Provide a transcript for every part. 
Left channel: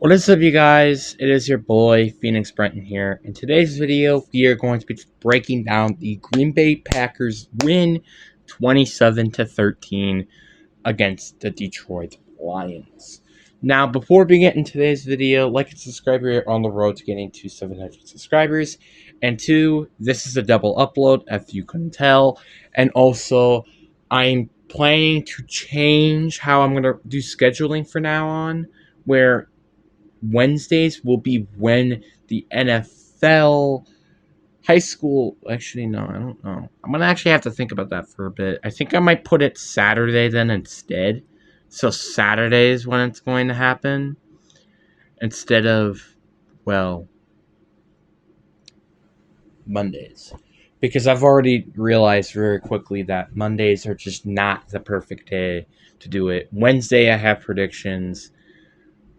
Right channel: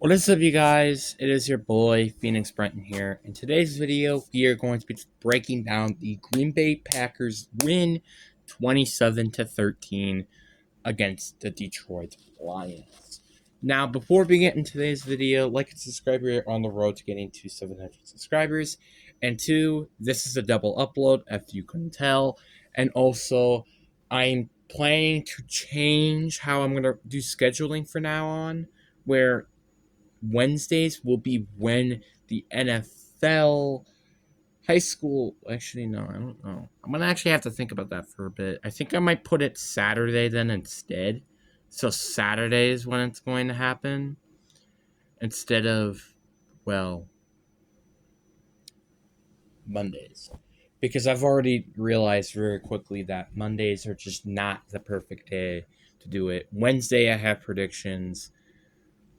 What is up, you guys? It is your boy Phoenix Brenton here. In today's video, we are going to be breaking down the Green Bay Packers win 27-13 against the Detroit Lions. Now, before we get into today's video, like and subscribe. We are on the road to getting to 700 subscribers. And two, this is a double upload, if you couldn't tell. And also, I'm planning to change how I'm going to do scheduling from now on, where Wednesdays will be when the NFL high school. Actually, no, I don't know. I'm gonna actually have to think about that for a bit. I think I might put it Saturday then instead. So Saturday is when it's going to happen instead of, well, Mondays. Because I've already realized very quickly that Mondays are just not the perfect day to do it. Wednesday, I have predictions.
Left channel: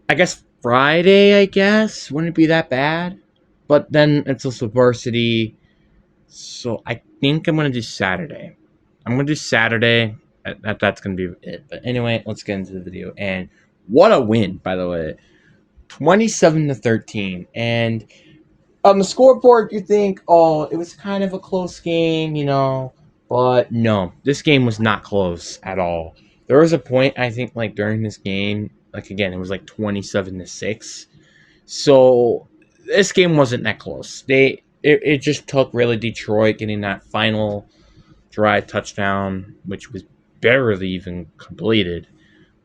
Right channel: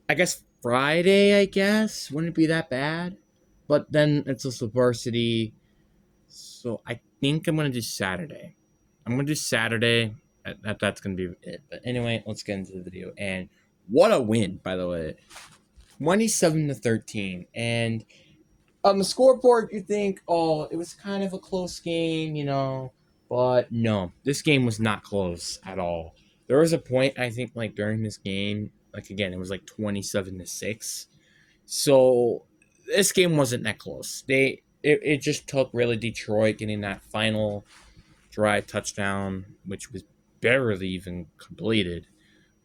I guess Friday, wouldn't be that bad. But then it's also varsity. So I think I'm going to do Saturday. I'm going to do Saturday. That's going to be it. But anyway, let's get into the video. And what a win, by the way. 27-13. And on the scoreboard, you think, oh, it was kind of a close game. But no, this game was not close at all. There was a point, I think, like during this game, like again, it was like 27-6. So this game wasn't that close. It just took really Detroit getting that final drive touchdown, which was barely even completed.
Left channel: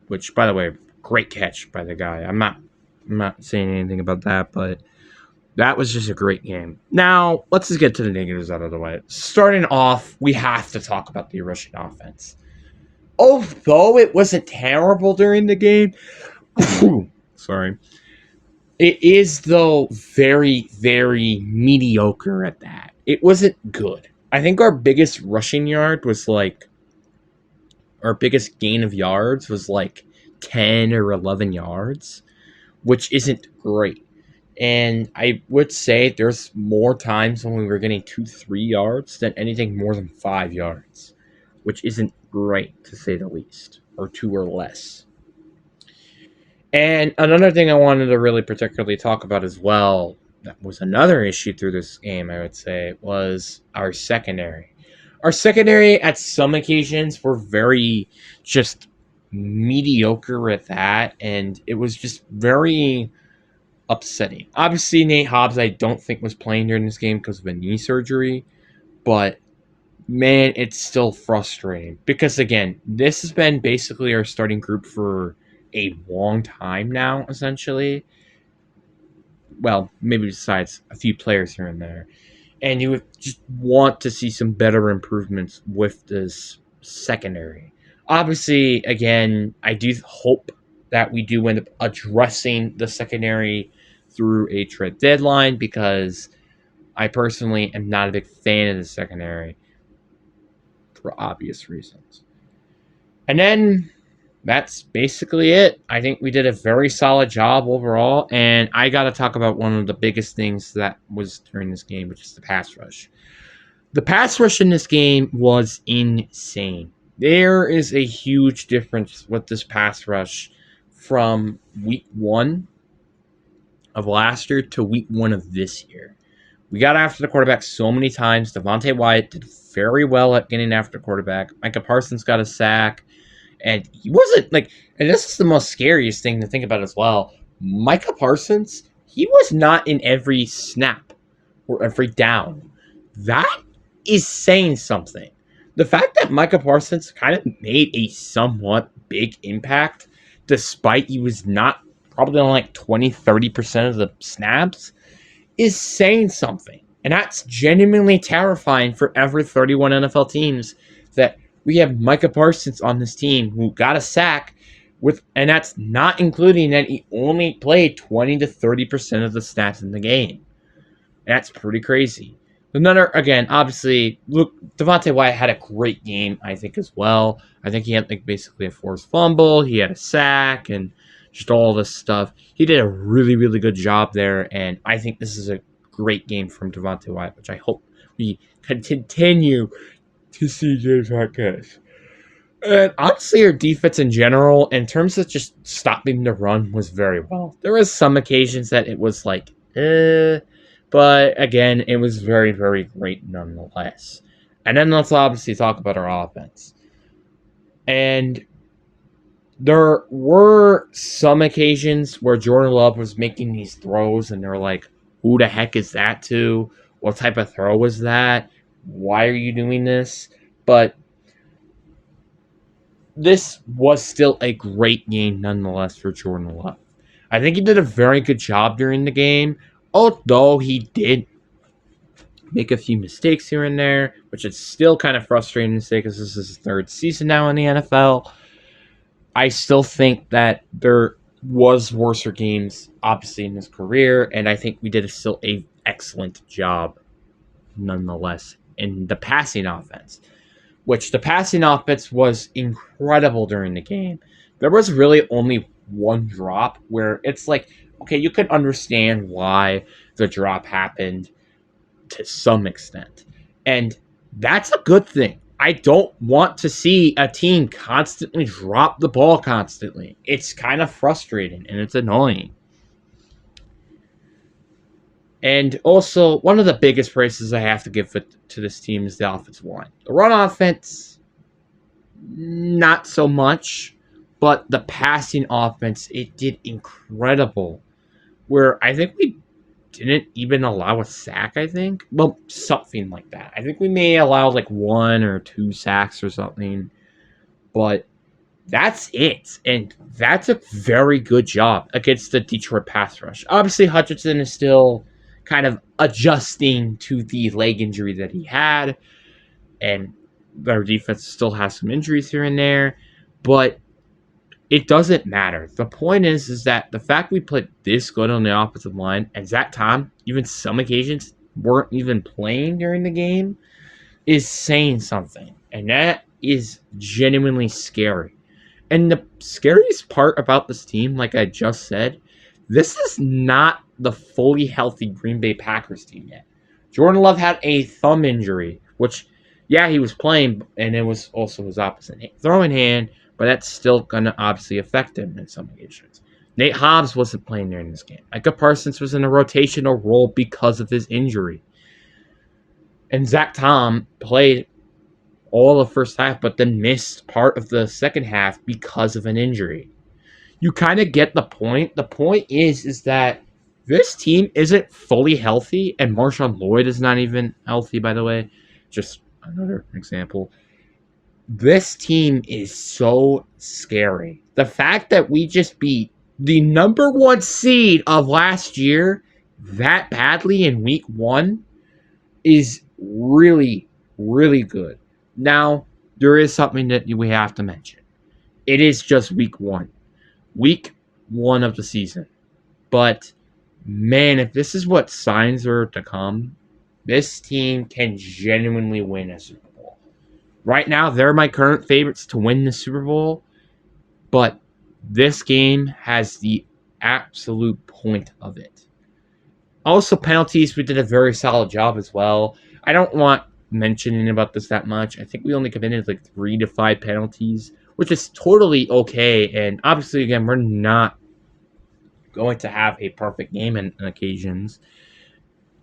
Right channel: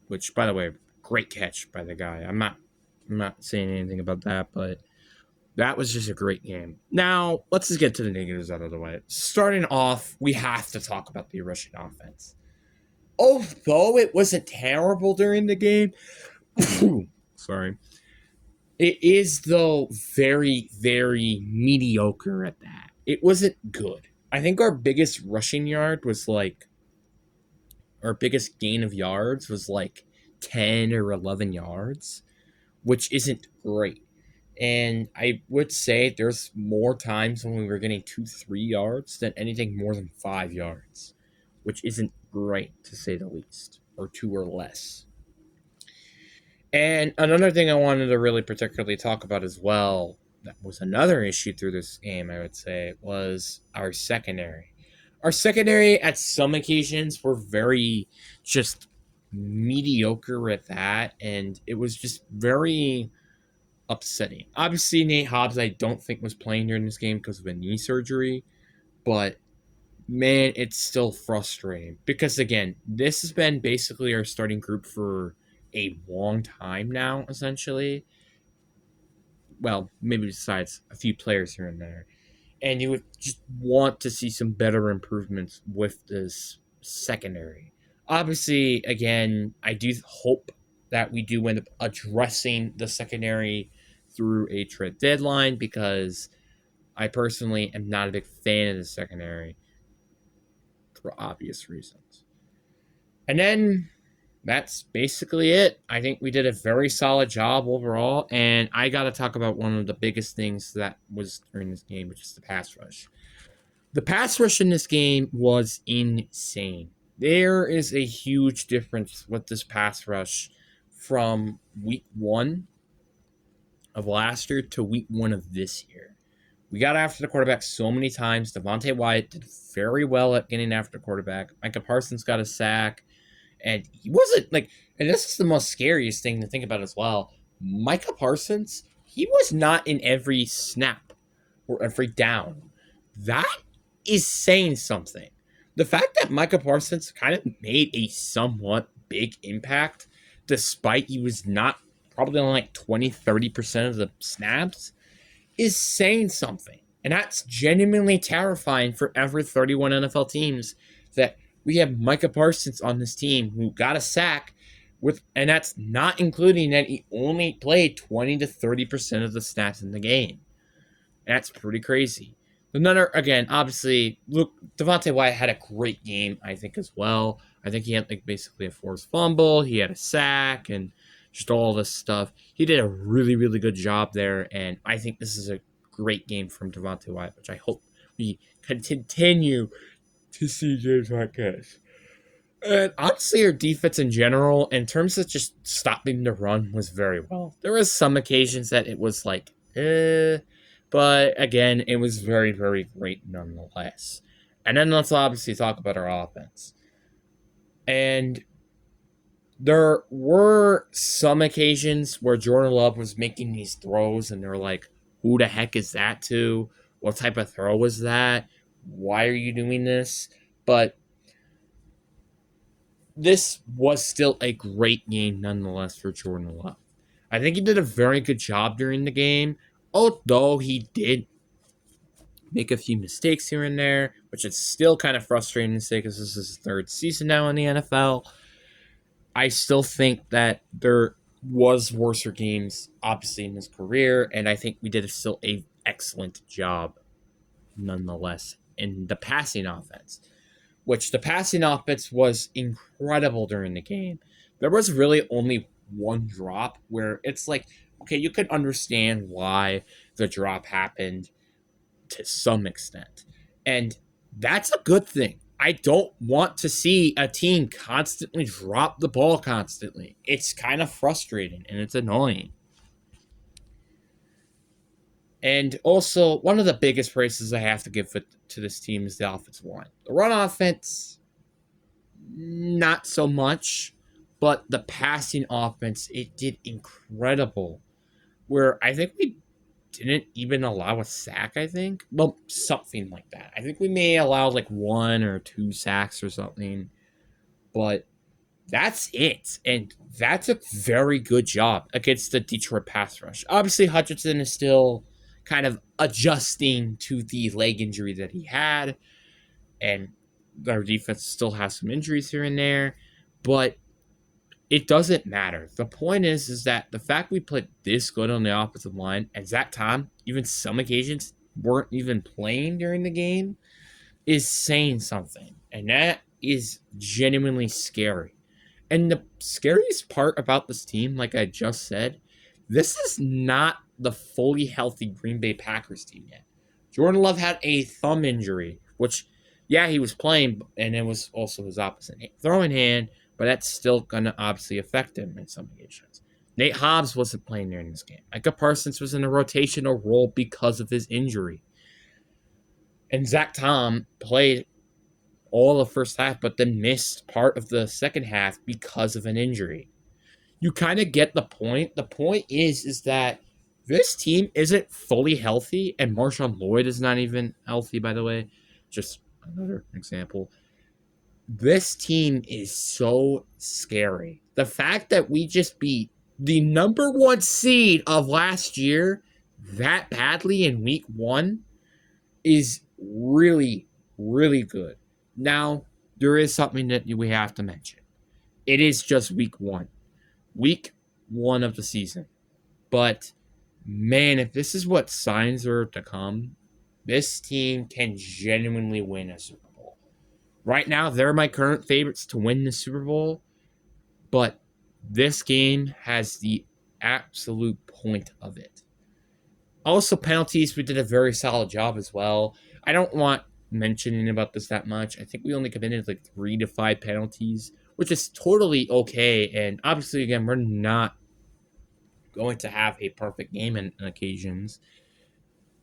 Which, by the way, great catch by the guy. I'm not saying anything about that, but that was just a great game. Now, let's just get to the negatives out of the way. Starting off, we have to talk about the Russian offense. Although it wasn't terrible during the game, sorry, it is, though, very, very mediocre at that. It wasn't good. I think our biggest rushing yard was like, our biggest gain of yards was like 10 or 11 yards, which isn't great. And I would say there's more times when we were getting 2-3 yards than anything more than 5 yards, which isn't great to say the least, or two or less. And another thing I wanted to really particularly talk about as well, that was another issue through this game, I would say, was our secondary. Our secondary, at some occasions, were very just mediocre at that, and it was just very upsetting. Obviously, Nate Hobbs, I don't think was playing during this game because of a knee surgery, but man, it's still frustrating because again, this has been basically our starting group for a long time now, essentially. Well, maybe besides a few players here and there. And you would just want to see some better improvements with this secondary. Obviously, again, I do hope that we do end up addressing the secondary through a trade deadline because I personally am not a big fan of the secondary for obvious reasons. And then that's basically it. I think we did a very solid job overall, and I got to talk about one of the biggest things that was during this game, which is the pass rush. The pass rush in this game was insane. There is a huge difference with this pass rush from week 1 of last year to week 1 of this year. We got after the quarterback so many times. Devontae Wyatt did very well at getting after the quarterback. Micah Parsons got a sack. And he wasn't like, and this is the most scariest thing to think about as well. Micah Parsons, he was not in every snap or every down. That is saying something. The fact that Micah Parsons kind of made a somewhat big impact, despite he was not probably on like 20-30% of the snaps, is saying something. And that's genuinely terrifying for every 31 NFL teams that we have Micah Parsons on this team who got a sack and that's not including that he only played 20-30% of the stats in the game. That's pretty crazy. Another, again, obviously, look, Devontae Wyatt had a great game, I think, as well. I think he had like basically a forced fumble, he had a sack, and just all this stuff. He did a really, really good job there, and I think this is a great game from Devontae Wyatt, which I hope we can continue to see this podcast. And honestly, our defense in general, in terms of just stopping the run, was very well. There was some occasions that it was like, but again, it was very, very great nonetheless. And then let's obviously talk about our offense. And there were some occasions where Jordan Love was making these throws, and they're like, who the heck is that to? What type of throw was that? Why are you doing this? But this was still a great game nonetheless for Jordan Love. I think he did a very good job during the game, although he did make a few mistakes here and there, which is still kind of frustrating to say because this is his third season now in the NFL. I still think that there was worser games, obviously, in his career, and I think we did still a excellent job, nonetheless, in the passing offense. Which the passing offense was incredible during the game. There was really only one drop where it's like, okay, you could understand why the drop happened to some extent, and that's a good thing. I don't want to see a team constantly drop the ball constantly. It's kind of frustrating and it's annoying. And also, one of the biggest praises I have to give to this team is the offensive line. The run offense, not so much, but the passing offense, it did incredible. Where I think we didn't even allow a sack, I think. Well, something like that. I think we may allow like 1 or 2 sacks or something. But that's it. And that's a very good job against the Detroit pass rush. Obviously, Hutchinson is still kind of adjusting to the leg injury that he had. And their defense still has some injuries here and there. But it doesn't matter. The point is that the fact we played this good on the offensive line, and Zach Tom, even some occasions, weren't even playing during the game, is saying something. And that is genuinely scary. And the scariest part about this team, like I just said, this is not the fully healthy Green Bay Packers team yet. Jordan Love had a thumb injury, which, yeah, he was playing, and it was also his opposite throwing hand, but that's still going to obviously affect him in some occasions. Nate Hobbs wasn't playing during this game. Micah Parsons was in a rotational role because of his injury. And Zach Tom played all the first half, but then missed part of the second half because of an injury. You kind of get the point. The point is that this team isn't fully healthy, and Marshawn Lloyd is not even healthy, by the way. Just another example. This team is so scary. The fact that we just beat the number 1 seed of last year that badly in week 1 is really, really good. Now, there is something that we have to mention. It is just week 1. Week 1 of the season. But, man, if this is what signs are to come, this team can genuinely win a Super Bowl. Right now, they're my current favorites to win the Super Bowl, but this game has the absolute point of it. Also, penalties, we did a very solid job as well. I don't want mentioning about this that much. I think we only committed like 3 to 5 penalties, which is totally okay. And obviously, again, we're not going to have a perfect game in occasions,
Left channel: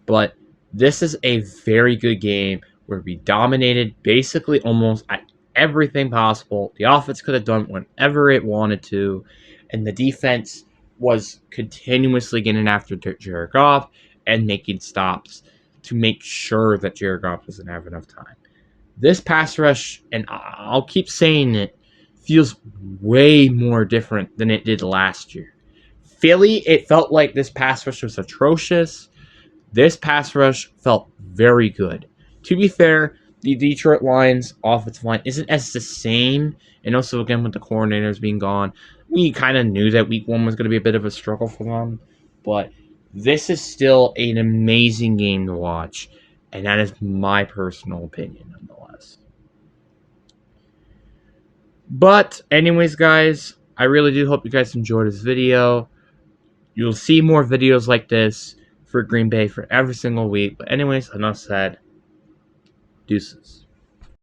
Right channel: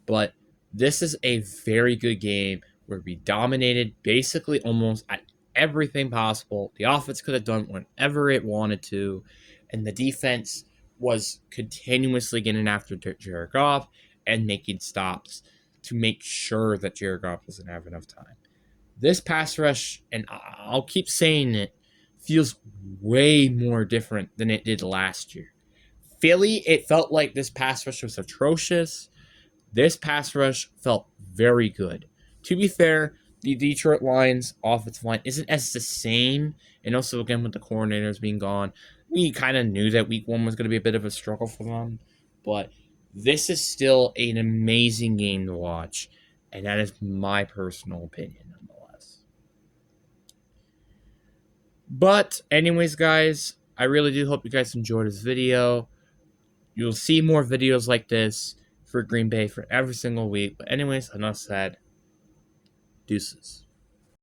but this is a very good game where we dominated basically almost at everything possible. The offense could have done whatever it wanted to, and the defense was continuously getting after Jared Goff and making stops to make sure that Jared Goff doesn't have enough time. This pass rush, and I'll keep saying it, feels way more different than it did last year. Philly, it felt like this pass rush was atrocious. This pass rush felt very good. To be fair, the Detroit Lions offensive line isn't as the same, and also again with the coordinators being gone, we kind of knew that week 1 was going to be a bit of a struggle for them, but this is still an amazing game to watch, and that is my personal opinion nonetheless. But anyways, guys, I really do hope you guys enjoyed this video. You'll see more videos like this for Green Bay for every single week. But anyways, enough said. Deuces.